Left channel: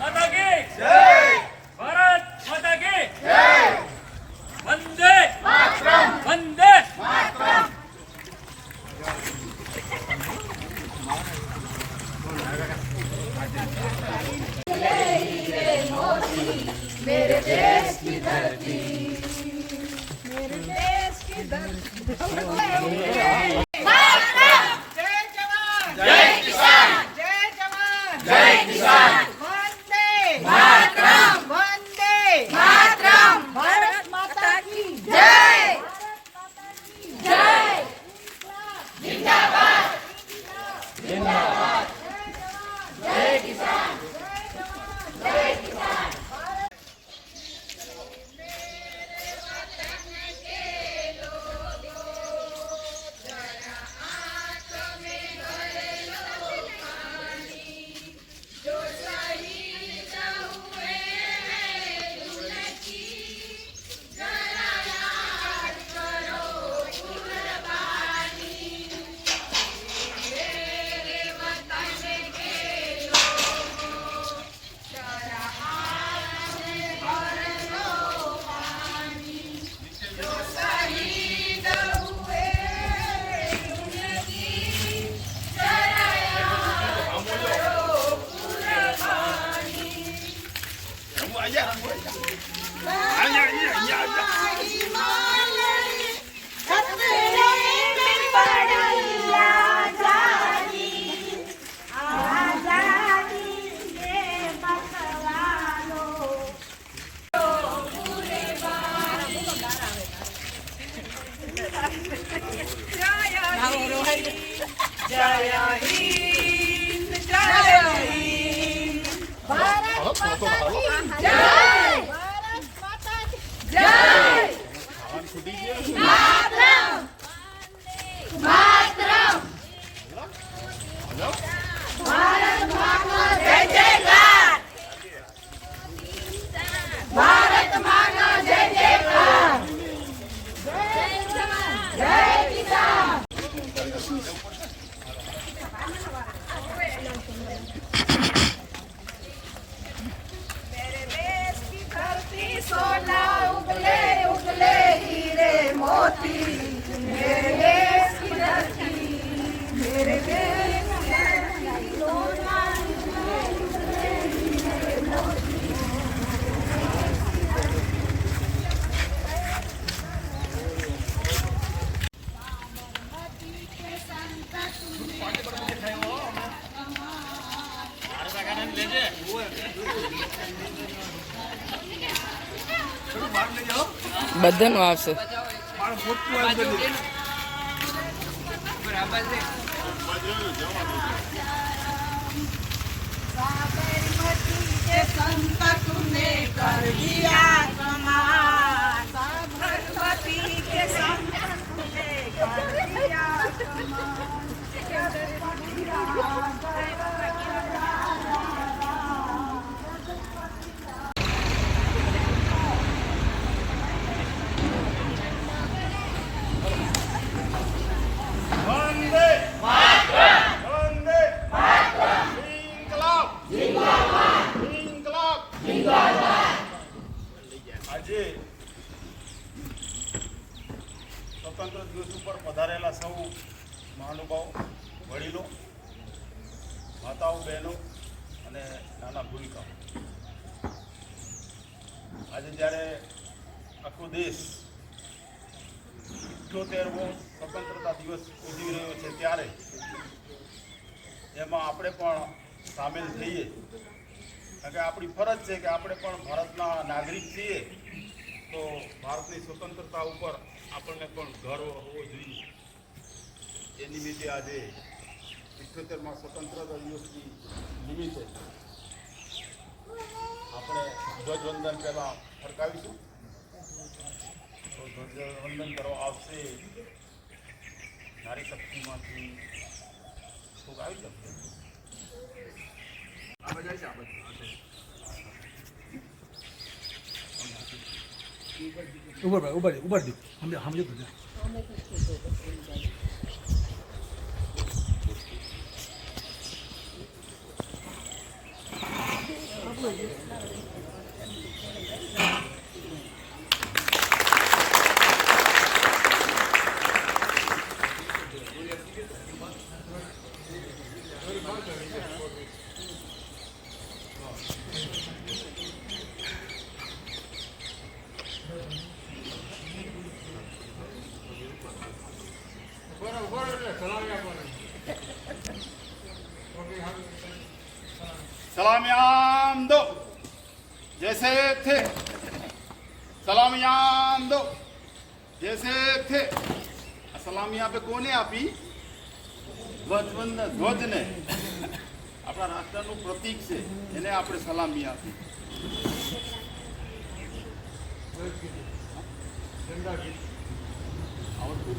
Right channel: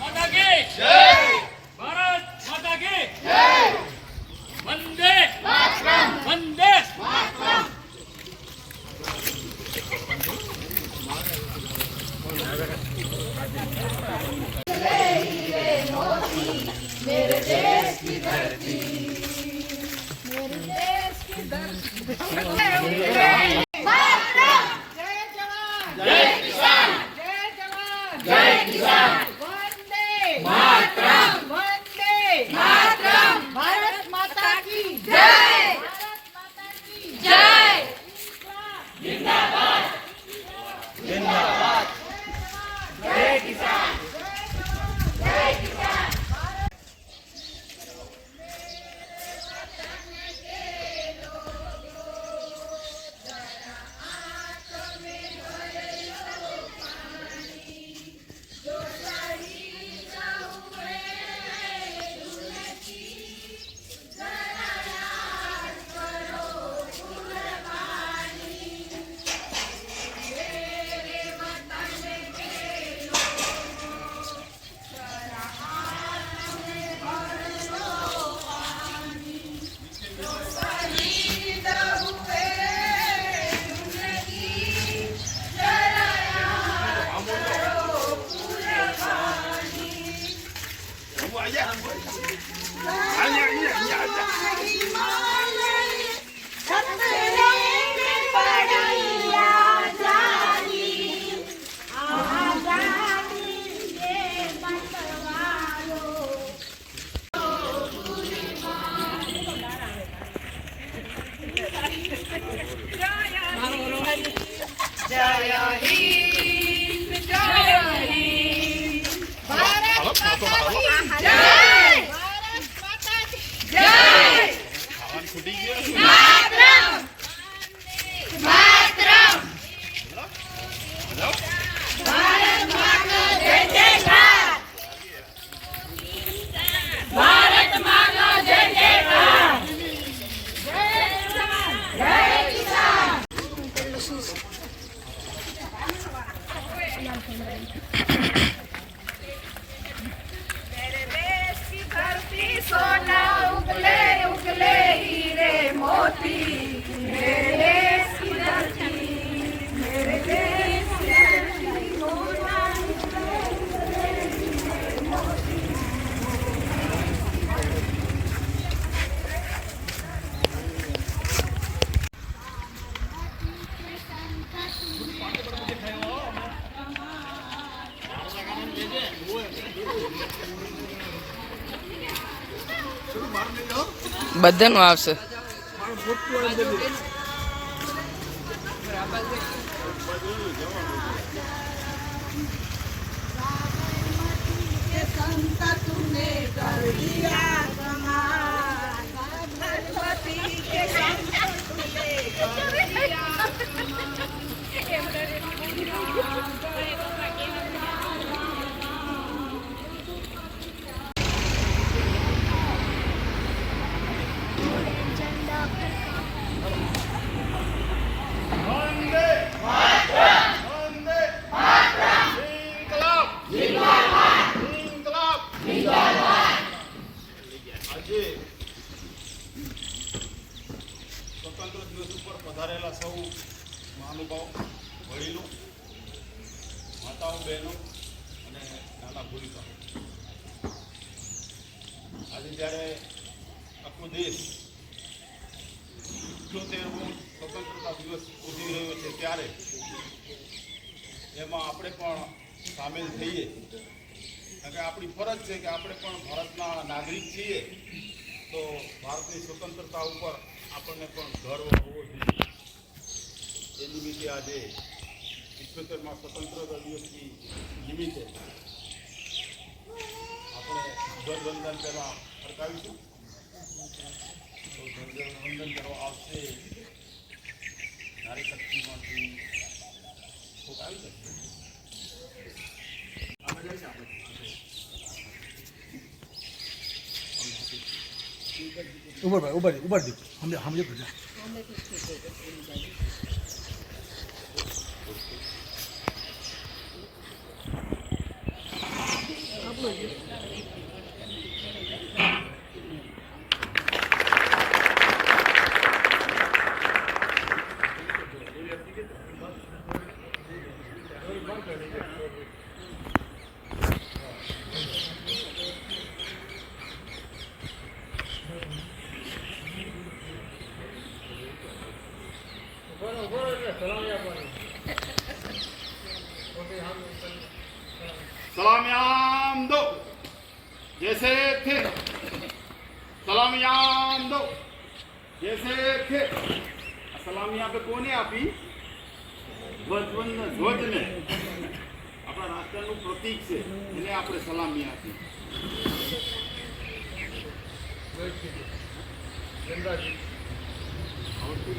माता की जय, भारत माता की जय, वंदे मातरम, वंदे मातरम। मेरे देश की धरती, मेरे देश की धरती। जय जवान, जय किसान, जय जवान, जय किसान। वंदे मातरम, वंदे मातरम। भारत माता की जय, भारत माता की जय। जिंदाबाद, जिंदाबाद। जय किसान, जय किसान। जय हिंद, जय हिंद। भारत माता की जय, भारत माता की जय। मातरम, मातरम। भारत माँ का जय जयकार, भारत माँ का जय जयकार। जय किसान, जय किसान। मेरे देश की धरती सोना उगले उगले हीरे मोती। मेरे देश की धरती, मेरे देश की धरती सोना उगले उगले हीरे मोती। બધાનું આવશે. संत तूने कर दिया कमाल, साबरमती के संत तूने कर दिया वंदे मातरम, वंदे मातरम। जिंदाबाद, जिंदाबाद, जिंदाबाद। આજે સ્વતંત્ર દિવસ ઉપર પધારેલા સૌ મહાનુભાવો, વડીલો, માતાઓ, બહેનો અને નાના ભૂલકાઓ, આજે જ્યારે આખો દેશ 78મો સ્વતંત્રતા દિવસ ઉજવી રહ્યો છે ત્યારે એમાં આપણે પણ સામેલ થઈએ, કારણ કે આપણી ફરજ છે કે આપણે પણ ભારતના નાગરિક છીએ, તો ભારતની સ્વતંત્રતા ઉપર આપણને પણ ગર્વ હોવો જોઈએ. એ નિમિત્તે આજે 78મા સ્વતંત્રતા દિવસની નિમિત્તે આપણે ધ્વજવંદન પહેલાં ફરકાવીશું. તો ધ્વજવંદન કરવા આવશે નારી શક્તિમાંથી કોક આવી શકશે. ऊपर ऊपर ऊपर हम जो सलामियां दो जैसे थे, सलामियां दो जैसे थे। આ સલામી આપે કોને આપી? ધ્વજને, આપણા રાષ્ટ્રનું પ્રતીક છે, એને આપણે સલામી આપી. આવડતું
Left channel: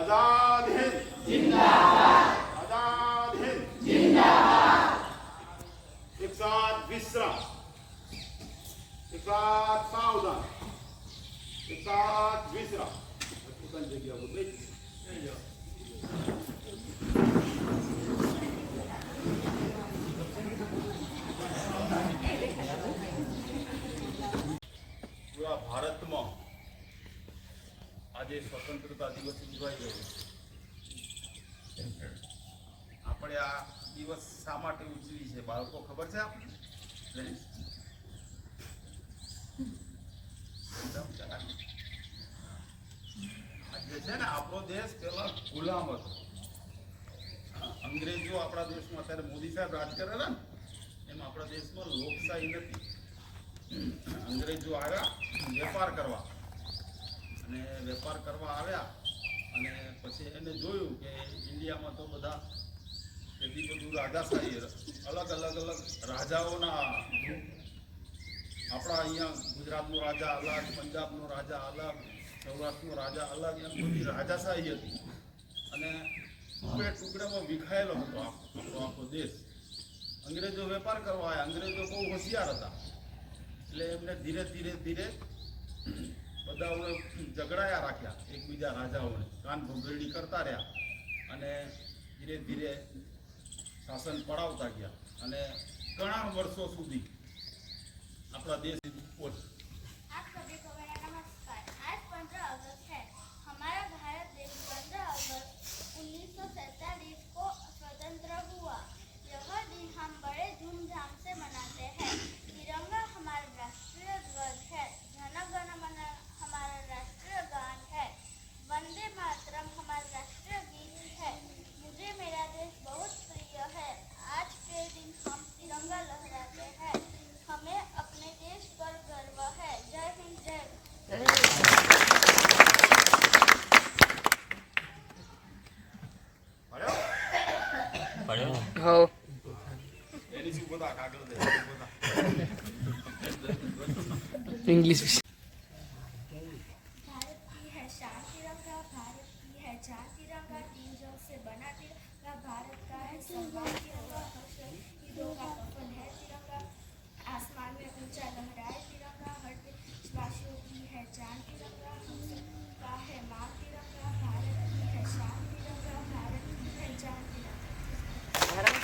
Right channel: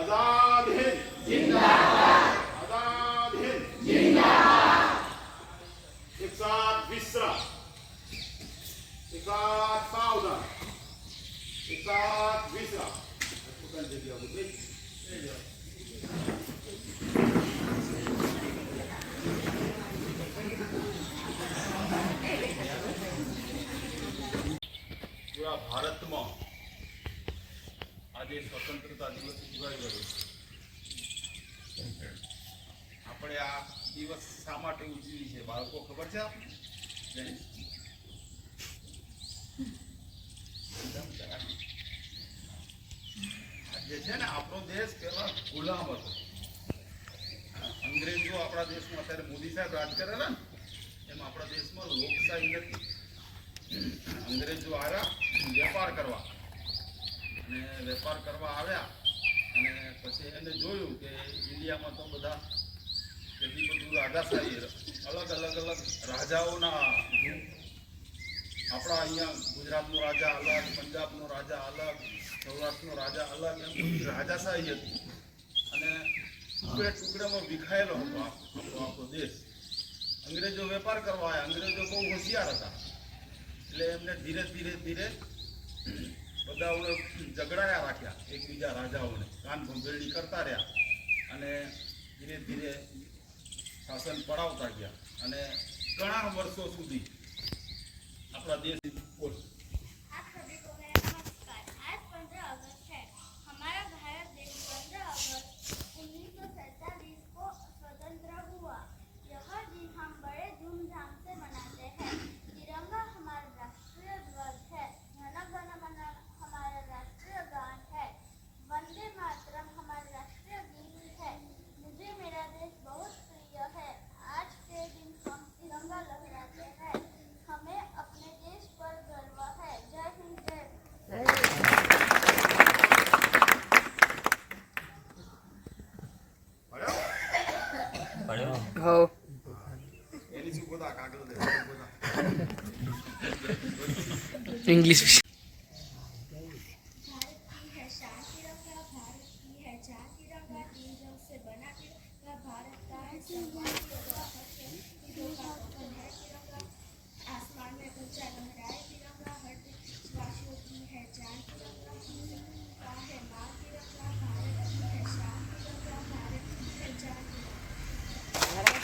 आजाद हिंद जिंदाबाद, आजाद हिंद जिंदाबाद। एक साथ विश्राम, एक साथ सावधान, एक साथ विश्राम. પોતાની જગ્યા ઉપર બેસી જાઓ. પૂરા ભારતમાં આજે સ્વતંત્રતા દિવસ ઉજવાઈ ગયો. આપણે આ દિવસ શા માટે ઉજવી છે બાળકો ખબર છે આપણે? આજે છે ને આપણો દેશ પેલા ગુલામ હતો. અંગ્રેજો આપણા દેશમાં અત્યારે મોદી સાહેબ રાજ કરે ને એમ આપણા દેશમાં લોકશાહી નથી. અંગ્રેજો આવ્યા વેપાર કરવા, અને વેપાર કરવા આવ્યા અને પછી એને જોયું કે ઇન્ડિયામાં તો બધા એટલી બધું રાજાશાહી, અલગ અલગ રાજાઓના, આપણા અહીંયા ગુજરાતનો રાજા અલગ, પંજાબનો રાજા અલગ, સૌરાષ્ટ્રનો રાજા અલગ, એમ બધી રાજાશાહી હતી. અને ટુકડે ટુકડેમાં વિખાયેલો હતો આખો દેશ. અંગ્રેજો વેપાર કરવા આવ્યા. અંગ્રેજો બહુ હોશિયાર હતા એટલે એમને ધીરે ધીરે ધીરે બધાઓને ઝઘડાયા રાખ્યા, એકબીજા રાજાઓને કાન ભંભેરણી કરતા રહ્યા અને ધીરે ધીરે શાસન પડાવતા ગયા અને ઘણા વર્ષો સુધી આપણા દેશ आप सभी को मेरा नमस्कार। आज 15 अगस्त है। हमारा भारत देश 15 अगस्त 1947 को स्वतंत्र हुआ। यह दिन हम बड़े धूमधाम से मनाते हैं। तिरंगा हमारा राष्ट्रीय ध्वज है। जन गण मन हमारा राष्ट्रीय गान है। वंदे मातरम हमारा राष्ट्रीय गीत है। मुझे मेरा देश बहुत प्रिय है। आज के दिन हम तिरंगा लहराते हैं। हमें अपने देश पर गर्व है। जय हिंद, जय હો એની શું બધા કાગળ દે બધા ઇંગ્લિશ भारत की है शान तिरंगा, भारत की है जान तिरंगा, तीन रंग से बना तिरंगा, भारत का है सम्मान तिरंगा, ईदों का कफन है तिरंगा, आसमान में ऊंचा लहराए तिरंगा, हर देशवासियों की है जान तिरंगा, हम सबका है मान तिरंगा, भारत की है शान तिरंगा, भारत की है जान तिरंगा।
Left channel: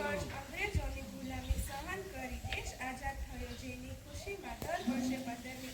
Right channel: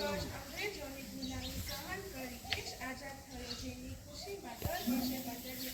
વર્ષ અંગ્રેજોની ગુલામી સહન કરી દેશ આઝાદ થયો, જેની ખુશીમાં દર વર્ષે 15મી